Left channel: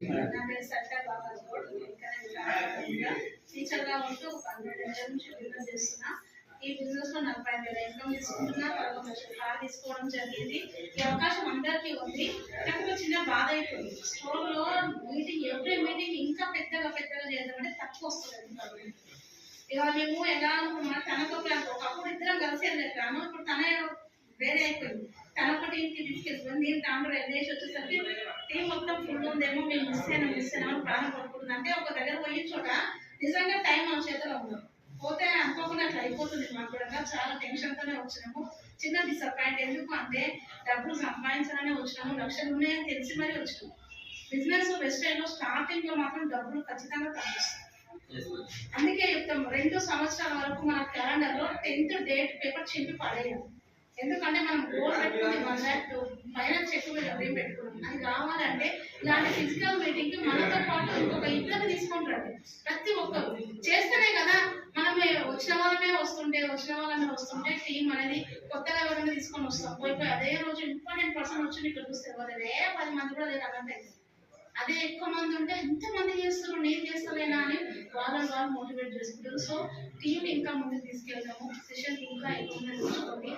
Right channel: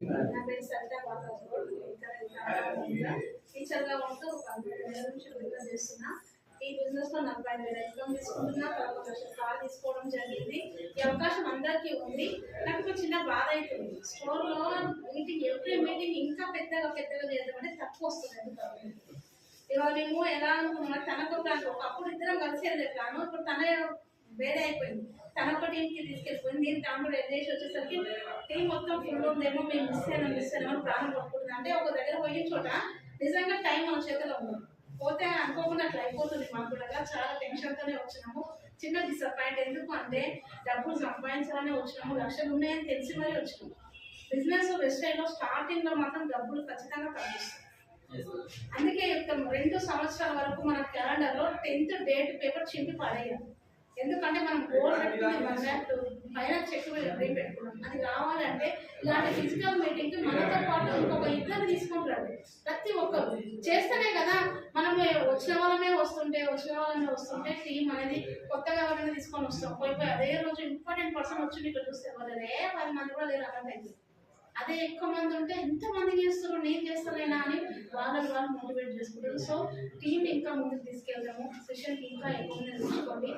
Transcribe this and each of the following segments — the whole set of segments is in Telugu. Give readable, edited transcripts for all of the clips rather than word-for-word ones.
నా పేరు సరితా బాబాజ్ గౌడ్. ఇక్కడ టీచర్గా ఉంటూ ఒక 12 ఏళ్ళ నుంచి బిజినెస్ చేస్తున్నా. ఈ బిజినెస్ లో 40,000 ఇన్కమ్ తీసుకుంటున్నా. 11 లక్షల కార్ తీసుకోవడం జరిగింది. ఈ అవకాశం అందరికీ ఉంది. నాకు ఒక చిన్న బాధ అవుతుంది. స్టోర్ లో మీటింగ్, ఎవ్రీ మీటింగ్ ఇంకా పెద్దగా చేద్దామంటే తక్కువ వస్తుంది. ఇవాళ మేము ఎలా అనుకున్నాం, తనకు ఒకప్పుడు ఇద్దరం కలిసి వెళ్ళాను. ఇప్పుడు తన వేరే అయిపోయింది. తన ఒక టీంకి తీసుకెళ్ళిపోయింది. నేను దాంట్లో వెళ్ళేసి వచ్చేసరికి టీం మొత్తం ఫుల్ ఉందేమో, మేము మిస్ అయినామని ప్రాణం పట్టుకుంటుంది. అంటే ఒక దగ్గర పోయిన చోట నిజంగా టైం మన చేతిలో ఉన్నాం. పోతే అనుకోకుండా అట్లా అయిపోతుంది. మాకు కూడా చాలా టెన్షన్తోనే వచ్చినాము. చిన్న డిసప్పాయింట్. ఎందుకు అంటే డబ్బులు సంపాదించాలని వచ్చినాము, లక్షలు ఉన్నాయని తెలిసి మరీ వచ్చినాము. బిజినెస్ వెస్టైన్లో స్టార్టింగ్ లో మాత్రం డబ్బులు ఖచ్చితంగా తగ్గిస్తాం. అందుకే చెప్తాం, 2 సంవత్సరాల వరకు మన క్యాలెండర్ లో 10th డేట్ పేపర్ చింపి పడేయాలి. ఎందుకంటే మనం గోల్ పెట్టుకుంది 1 lakh పైన చెక్ పెట్టుకున్నాం. అది కావాలంటే ఇలాంటి ఫిజికల్ మీటింగ్ కి మనతో పాటు ఇంకొక 2 తీసుకుంటారు. ప్రతి ఒక్కరు చేస్తేనే కదా మనం వచ్చిన వాళ్ళమే వస్తుంటే టీం అనేది కొత్తగా ఎవరైనా తీసుకొని వస్తాం. పోయి అదే రోజు ఇంపార్టెంట్ పర్సన్ వచ్చి ఇక్కడ చూస్తే వాళ్ళే 10 మంది కూడా లేదు అలాంటి అయితే. అదే ఎక్కువ మంది ఉంటే ఎంతమంది చేస్తారు, నేను చేస్తలేనా అని వాళ్ళు మోటివేట్ చేసుకుంటారు. సో టీం ఇంకా ముందుకు తీసుకెళ్తాము. సెషన్ ఇంకా ఎక్కువ చూసుకోండి.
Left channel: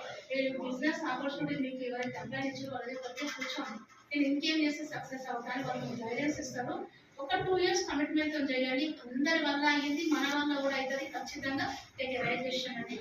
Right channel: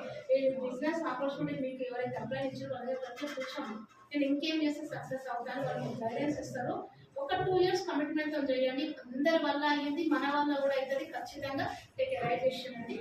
బిజినెస్ ఆపర్చునిటీ మీకు ఎవరైతే అప్లై ఇచ్చారో వాళ్ళ దగ్గర కూర్చోండి. నేను ఇంకేం చేస్తే సక్సెస్ అవుతాను వాళ్ళు గైడెన్స్ ఇస్తారు. ఒక 2 years కమిట్మెంట్ తో చేయండి. అందరి వల్ల అయ్యింది, మన వల్ల కూడా అవుతుంది. ఖచ్చితంగా టేక్ ఏ రైట్ డెసిషన్ అండి.